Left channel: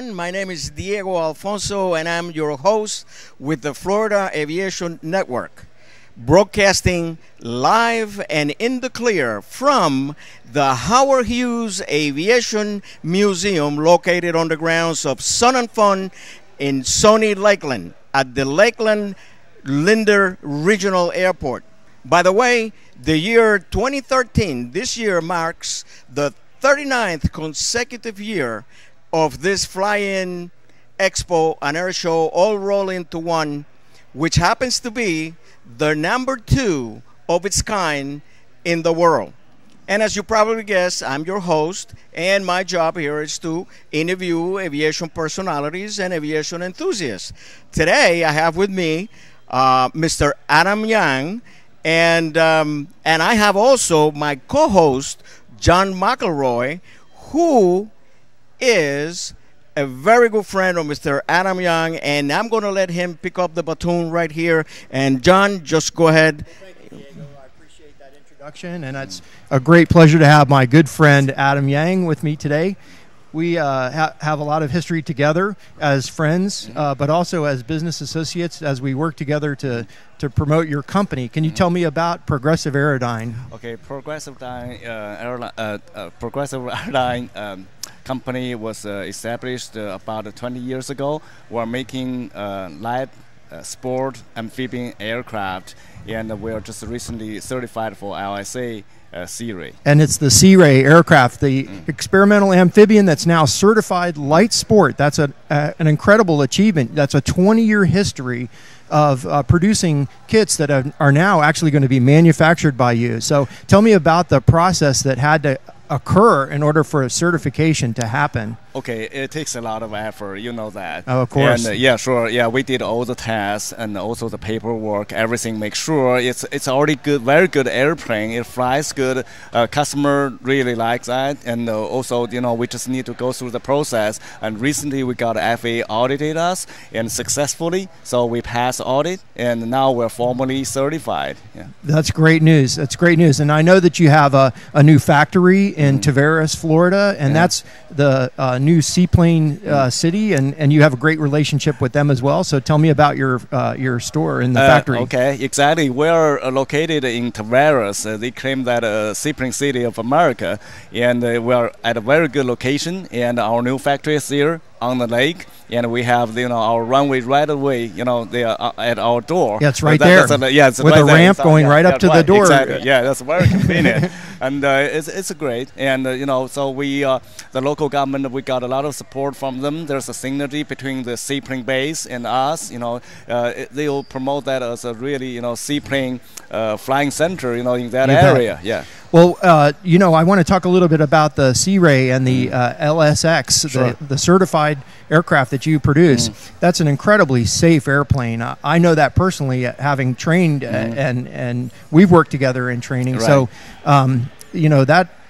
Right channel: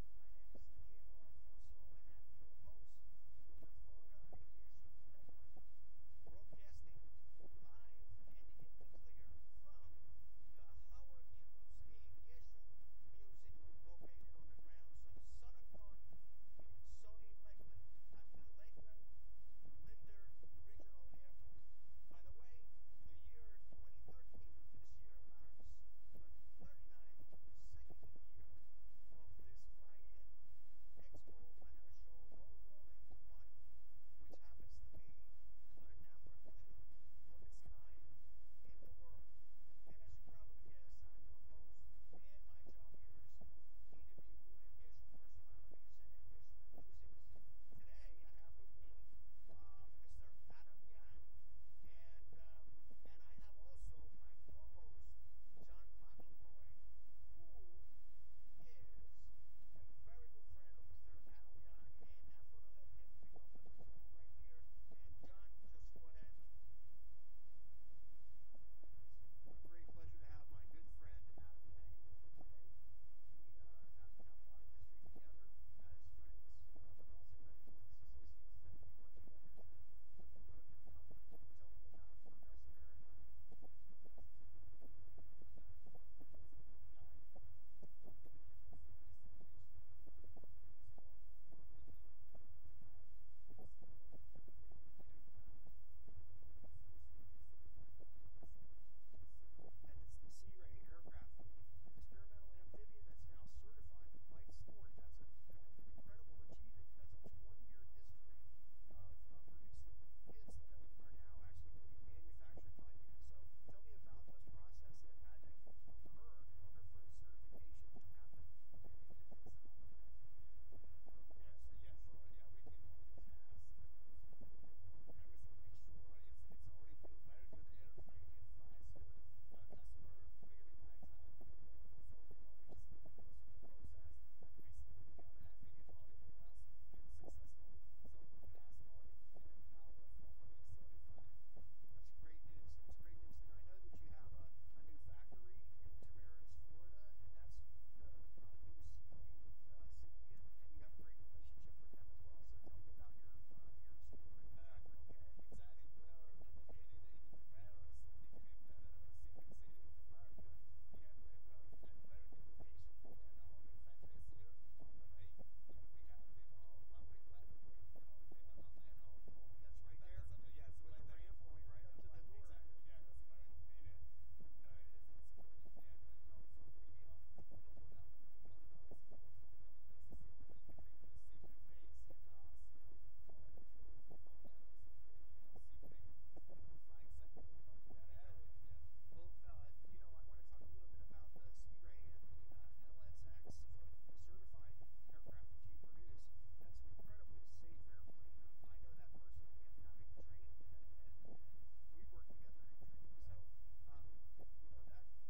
everyone. My name is Diego Alfonso, and I'm your host with the Florida Aviation Network, broadcasting live and in the clear from the Howard Hughes Aviation Museum located on the grounds of Sun and Fun in sunny Lakeland at the Lakeland Linder Regional Airport. By the way, the year 2013, this year marks the 39th consecutive year of this fly-in expo and air show all roll into one, which happens to be the #2 of its kind in the world. And as you probably guessed, I'm your host, and my job here is to interview aviation personalities and aviation enthusiasts. Today, I have with me Mr. Adam Yang, and I have also my co-host, John McElroy, who is a very good friend of Mr. Adam Young, and I'm going to let him pick up the baton right here. And John, just go ahead. Thank you, Diego. I appreciate that introduction, and it's a great pleasure to have my good friend Adam Yang with me today. We have a lot of history together as friends, but also as business associates as we work together to promote your company. Can you tell me about Progressive Aerodyne? Okay, Progressive Airline company was established about 20 years ago. We're making light sport amphibian aircraft, and we're just recently certified for LSA Sea-Ray. And it's the Sea-Ray aircraft, the experimental amphibian that's now certified light sport. That's an incredible achievement. That's a 20-year history of producing kits that are now actually going to be manufactured by you. So tell me about the process that had to occur in order for a certification to happen. Okay, it takes a lot of effort, you know that. Oh, of course. And yeah, sure. Yeah, we did all the tests and also the paperwork, everything. Make sure it's already good, very good airplane. It flies good. Customer really likes that, and also we just need to go through the process. And recently we got FAA audited us and successfully, so we passed audit, and now we're formally certified. Yeah. That's great news. That's great news. And I know that you have a new factory in Tavares, Florida, and that's the new seaplane city, and you have a great relationship with them as well. So tell me about your store in the factory. Okay, exactly. We're located in Tavares. They claim that seaplane city of America, and we're at a very good location. And our new factory is here on the lake, and we have our runway right away. They are at our door. Yeah, it's right there. It's with right a ramp going right up to the door. Exactly. Yeah, that's very convenient, and it's great. And so we the local government, we got a lot of support from them. There's a synergy between the seaplane base and us. They'll promote that as a really seaplane flying center. In that area. Yeah. Well, I want to talk a little bit about the Sea-Ray and the LSX, Sure. the certified aircraft that you produce. That's an incredibly safe airplane. I know that personally, having trained, and we've worked together in training. Right. So,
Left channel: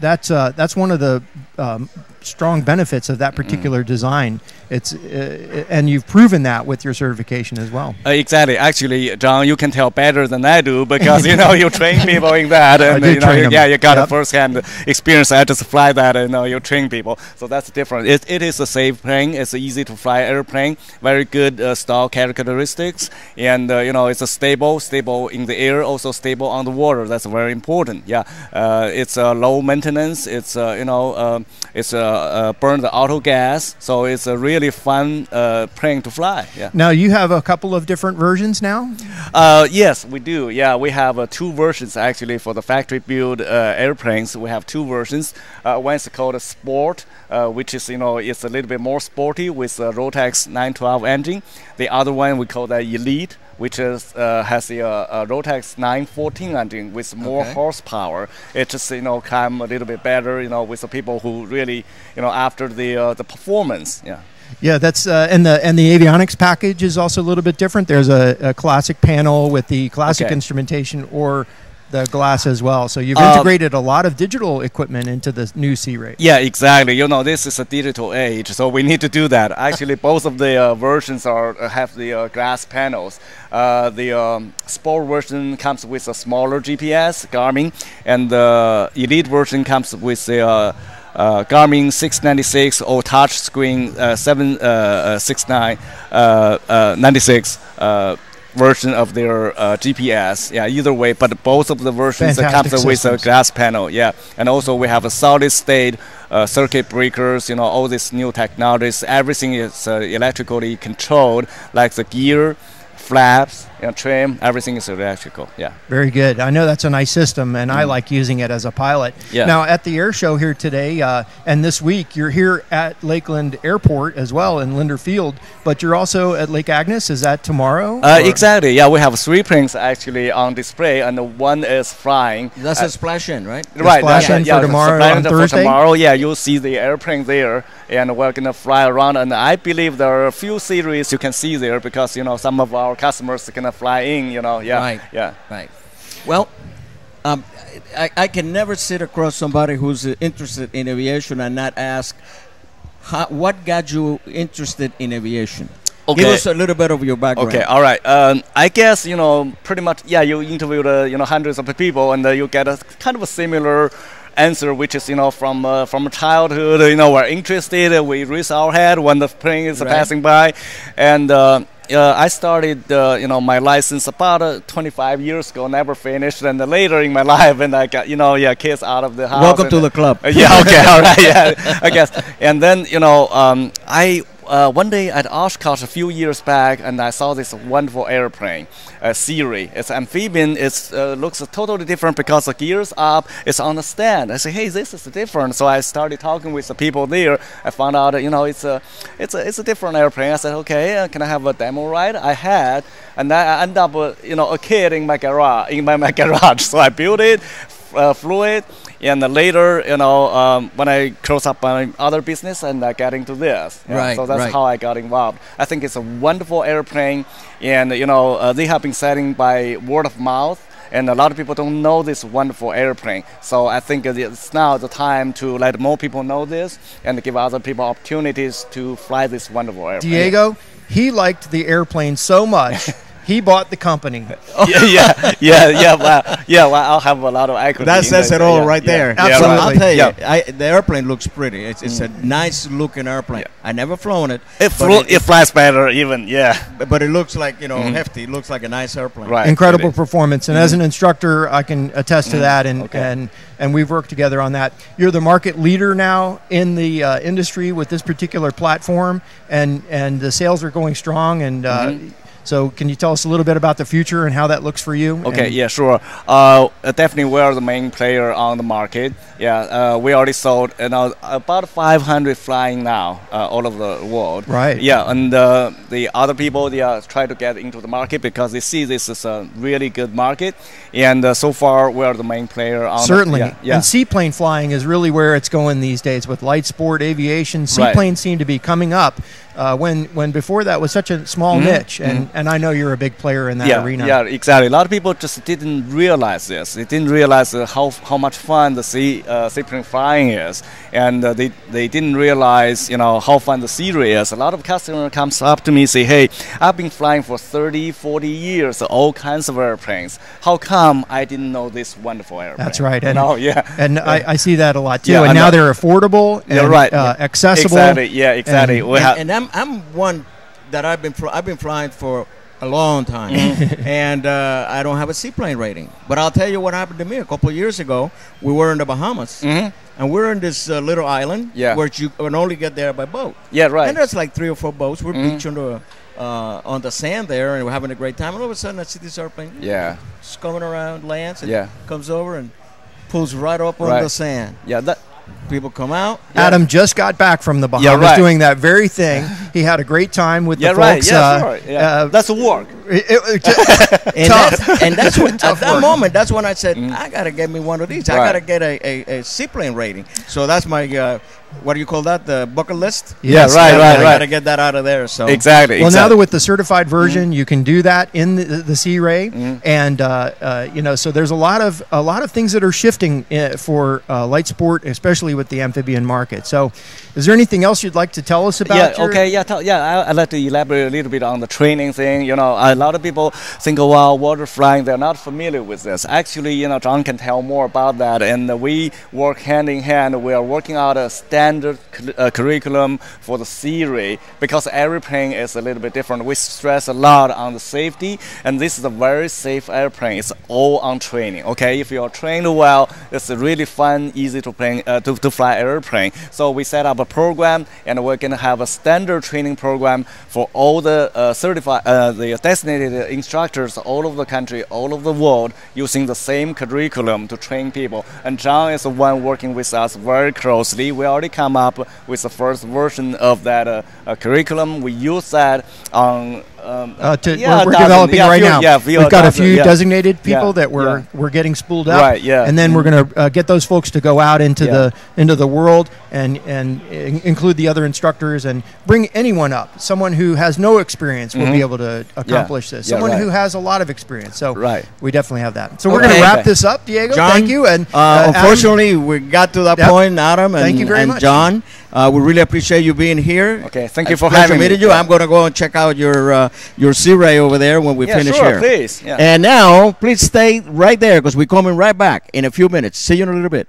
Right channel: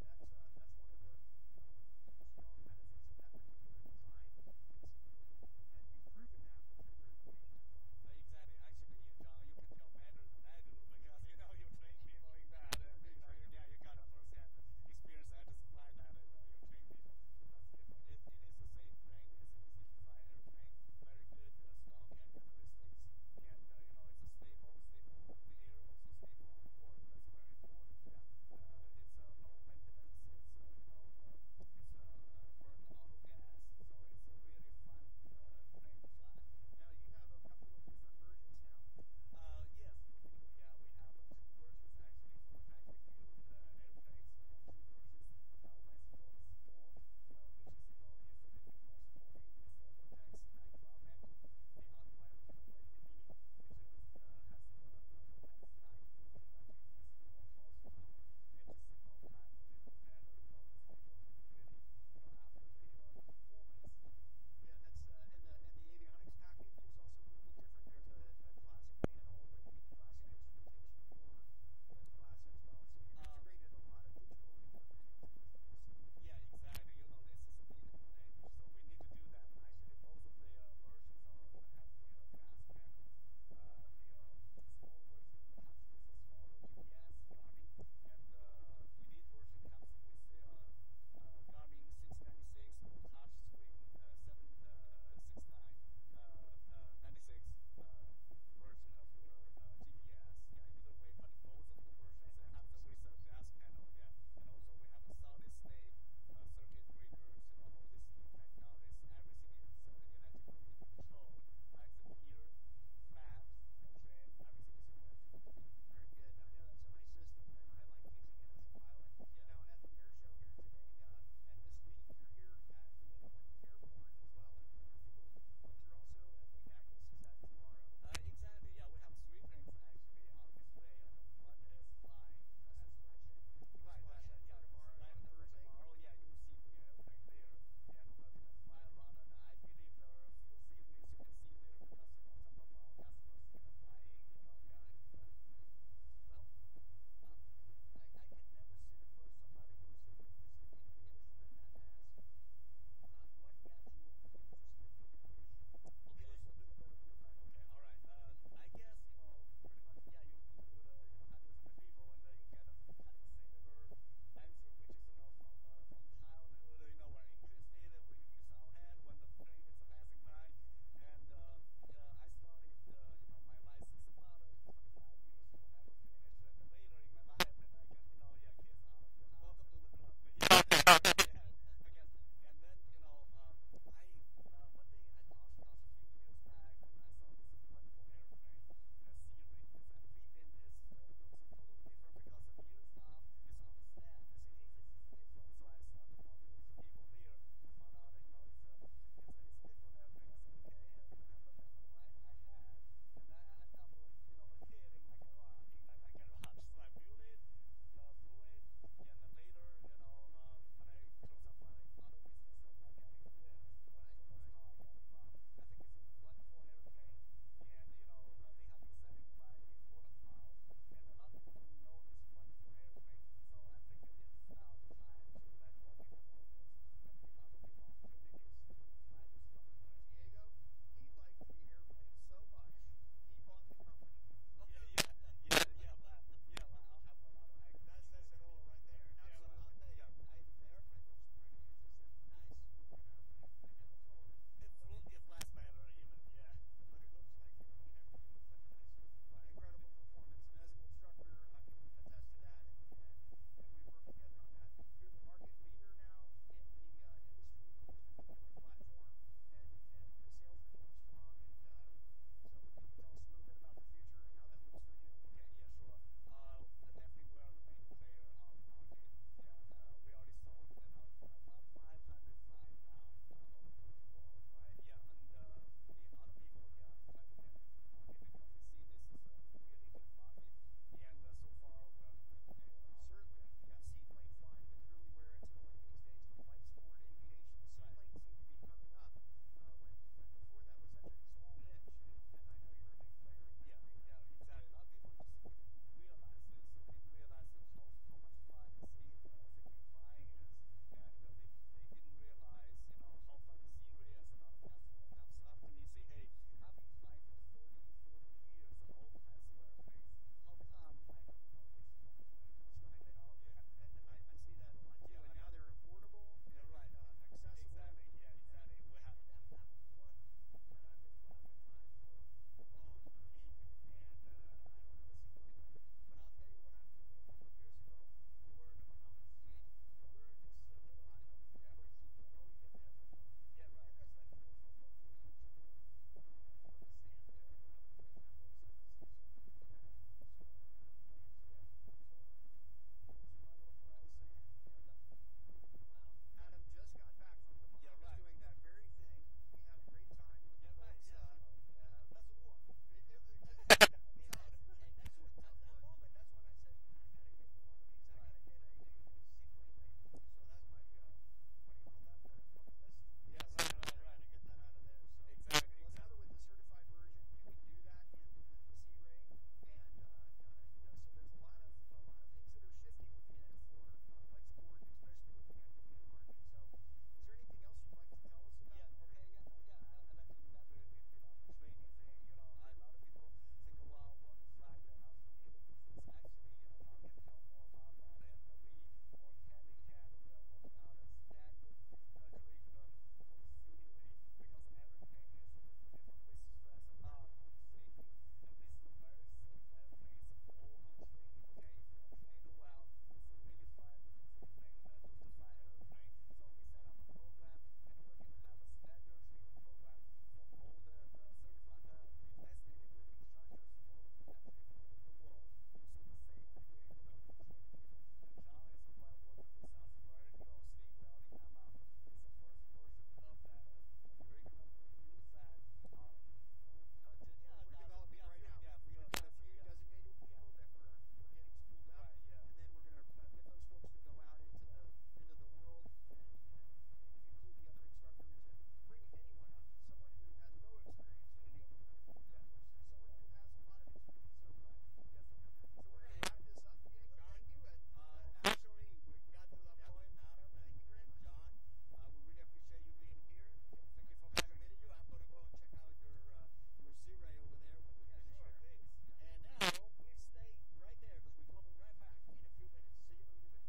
that's one of the strong benefits of that particular design. It's and you've proven that with your certification as well. Exactly. Actually, John, you can tell better than I do because you train people in that, and I train them. Yeah, you got a first-hand experience. I just fly that, and you train people, so that's different. It is a safe plane. It's an easy-to-fly airplane. Very good stall characteristics, and it's a stable in the air, also stable on the water. That's very important. Yeah, it's low maintenance. It's burn the auto gas, so it's a really fun plane to fly. Yeah. Now you have a couple of different versions now. Yes, we do. Yeah, we have 2 versions actually for the factory-built airplanes. We have 2 versions. One is called a Sport, which is it's a little bit more sporty with a Rotax 912 engine. The other one we call the Elite, which has a Rotax 914 engine with more horsepower. It just come a little bit better with the people who really after the performance. Yeah. Yeah, that's and the avionics package is also a little bit different. There's a classic panel with the classic instrumentation or the glass as well. So you've integrated a lot of digital equipment into the new Sea-Ray. Yeah, exactly. This is a digital age, so we need to do that. Actually, both of the versions have the glass panels. The Sport version comes with a smaller GPS, Garmin, and the Elite version comes with the Garmin 696 or touch screen 769 96 version of their GPS. Yeah, either way, but both of the versions comes with a glass panel. Yeah, and also we have a solid state circuit breakers. You know, all these new technologies. Everything is electrically controlled, like the gear, flaps, trim, everything is electrical. Yeah. Very good. I know that's a nice system, and I like using it as a pilot. Yeah. Now, at the air show here today and this week, you're here at Lakeland Airport as well in Linder Field, but you're also at Lake Agnes. Is that tomorrow? Exactly. Yeah, we have 3 planes actually on display, and one is flying. That's a splash-in, right? Right. Splash-in for tomorrow on Thursday? For tomorrow, yeah, you'll see the airplane there, and we're going to fly around, and I believe there are a few series you can see there because, some of our customers are going to fly in, yeah. Right. Yeah. Right. Well, I can never sit across somebody who's interested in aviation and not ask, what got you interested in aviation? Okay. Give us a little bit of your background. Okay, all right. I guess, pretty much, yeah, you interviewed, hundreds of people, and you get a kind of a similar answer, which is, from childhood, we're interested, we raise our head when the plane is passing by, and I started, my license about 25 years ago, never finished, and later in my life, and I got, kids out of the house. Welcome to the club. Yeah, okay, all right, yeah, I guess. And then, I one day at Oshkosh a few years back, and I saw this wonderful airplane, Siri. It's amphibian. It looks totally different because the gears up. It's on the stand. I said, hey, this is different. So I started talking with the people there. I found out, it's a different airplane. I said, okay, can I have a demo ride? I had, and I ended up, a kid in my garage. So I built it, flew it. And later, when I close up my other business and I get into this. Right. So that's how I got involved. I think it's a wonderful airplane, and they have been selling by word of mouth, and a lot of people don't know this wonderful airplane. So I think it's now the time to let more people know this and give other people opportunities to fly this wonderful airplane. Diego, he liked the airplane so much. He bought the company. Well, I'll have a lot of equity. That says it all right there. Absolutely. I'll tell you, the airplane looks pretty. It's a nice looking airplane. I never flown it. It flies better even, But it looks like, hefty. It looks like a nice airplane. Right. Incredible performance. And as an instructor, I can attest to that, and we've worked together on that. You're the market leader now in the industry with this particular platform, and the sales are going strong, and so can you tell us a little bit about the future and how that looks for you? Okay, yeah, sure. Definitely we are the main player on the market. Yeah, we already sold about 500 flying now all over the world. Right. Yeah, and the other people, they are trying to get into the market because they see this is a really good market. And so far, we are the main player on Certainly. And seaplane flying is really where it's going these days with light sport, aviation. Seaplanes seem to be coming up. When before that was such a small niche, and I know you're a big player in that arena. Yeah, exactly. A lot of people just didn't realize this. They didn't realize how much fun the seaplane flying is, and they didn't realize how fun the Siri is. A lot of customers comes up to me and say, hey, I've been flying for 30, 40 years, all kinds of airplanes. How come I didn't know this wonderful airplane? That's right. And and I see that a lot too. And now they're affordable and accessible. Exactly. Yeah, exactly. I'm one that I've been flying for a long time, and I don't have a seaplane rating. But I'll tell you what happened to me a couple of years ago. We were in the Bahamas, and we're in this little island where you can only get there by boat. Yeah, right. And there's like 3 or 4 boats. We're beaching on the sand there, and we're having a great time. And all of a sudden, I see this airplane. Yeah. Just coming around, lands, and comes over and pulls right up on the sand. Yeah. People come out. Adam just got back from the Bahamas doing that very thing. He had a great time with the folks. That's a work. And that's what, at that moment, that's when I said, I got to get me one of these. I got to get a seaplane rating. So that's my, what do you call that, the bucket list? Yes, right. I got to get that out of there. So Exactly. Well, now that with the certified version, you can do that in the C-Ray. And, so there's a lot of things that are shifting for light sport, especially with the amphibian market. So, is there anything else you'd like to tell us about? Yeah, okay, I'd like to elaborate a little bit on the training thing. You know, a lot of people think, well, water flying, they're not familiar with this. Actually, you know, John can tell more about that, and we work hand in hand. We are working out a standard curriculum for the theory, because every plane is a little bit different. We stress a lot on the safety, and this is a very safe airplane. It's all on training. Okay, if you are trained well, it's really fun, easy to fly airplane. So we set up a program, and we're going to have a standard training program for all the the designated instructors all over the country, all over the world, using the same curriculum to train people. And John is the one working with us very closely. We already come up with the first version of that curriculum. We use that on we're developing right now. Yeah, we've got a few designated people that we're getting spooled up, right, and then we're going to get those folks to go out into the world and include the other instructors and bring anyone up. Someone who has no experience will be able to accomplish this. Someone who has a lot of experience. So we definitely have that. So we're going to wrap this up, Diego. John, thank you. And unfortunately, we got to that point, Adam, and, thank you very much. John. We really appreciate you being here. Okay, thank you for having me. You. I'm going to go and check out your Sea Ray over there when we finish sure, here. Please. Yeah. And now, please stay right there because we're coming right back in a few minutes. See you in a little bit.